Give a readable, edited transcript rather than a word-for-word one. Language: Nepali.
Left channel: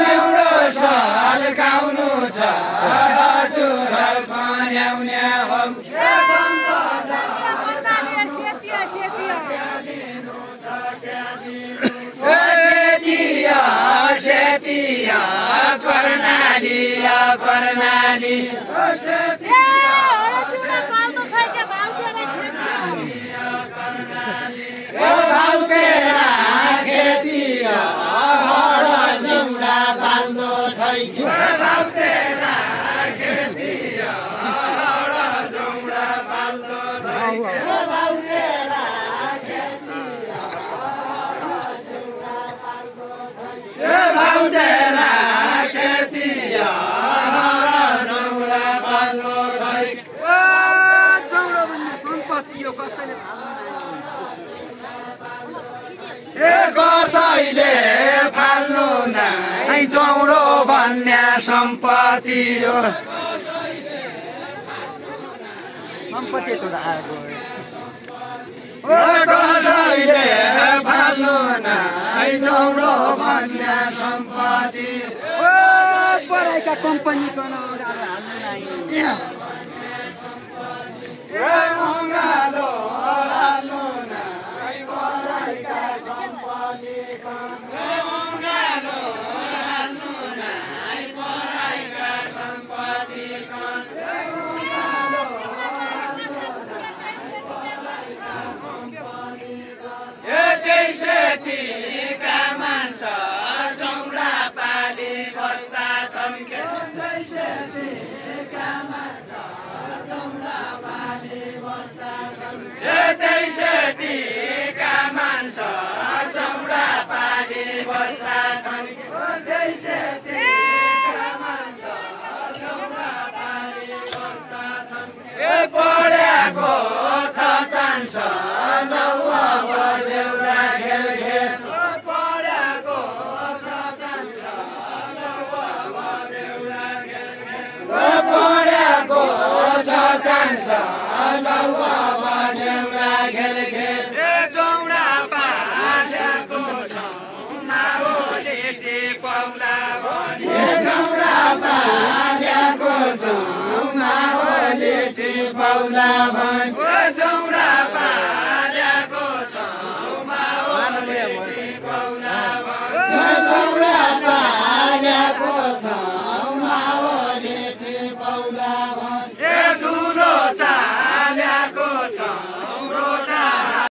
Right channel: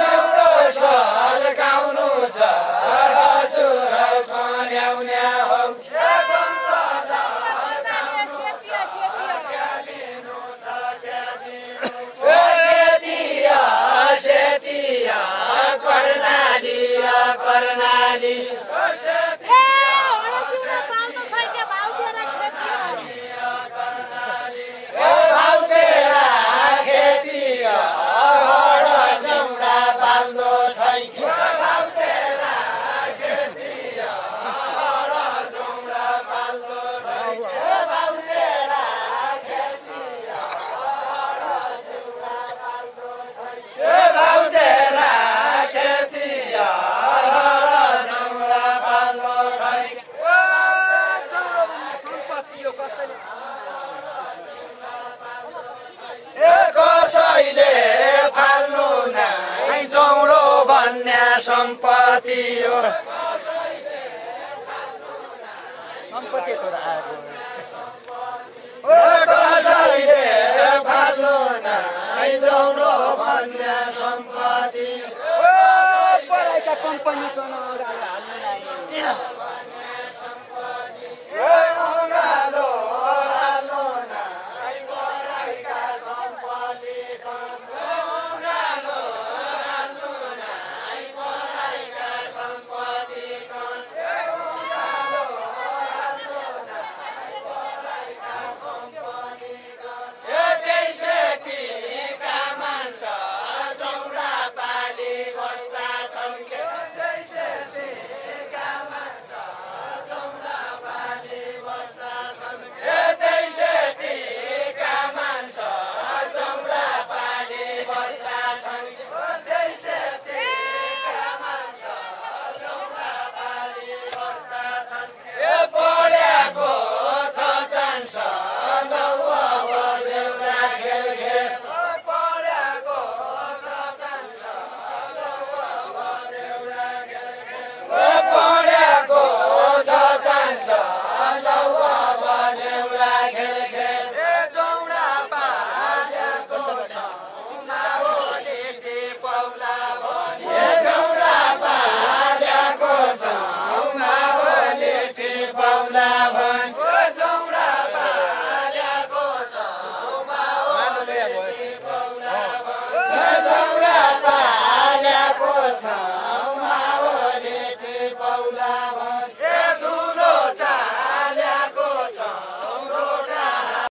जौडो सल्काउनु छ हजुर खन्याउने हो सेतिया कर्णाली भाउतेरा खेतिया हड जौडा पाल्दो छैन भाउतेरा खेतिया हड जौडा पाल्दो छैन भाउतेरा खेतिया हड जौडा पाल्दो छैन भाउतेरा खेतिया हड जौडा पाल्दो छैन जौडो भन्ने सम्पत्ति हो कसैले कसैले फाल्नु नै जौडो भन्ने सम्पत्ति हो सम्पत्ति कसैले फाल्नु नै जौडो भन्ने सम्पत्ति पढाइका कम्पनीको पढेको छ चान्स लौवा बजेउला खेल खेल पढेको छ चान्स लौवा बजेउला खेल खेल पढेको छ चान्स लौवा बजेउला खेल खेल जौडा पालेको छ माओले टेपौला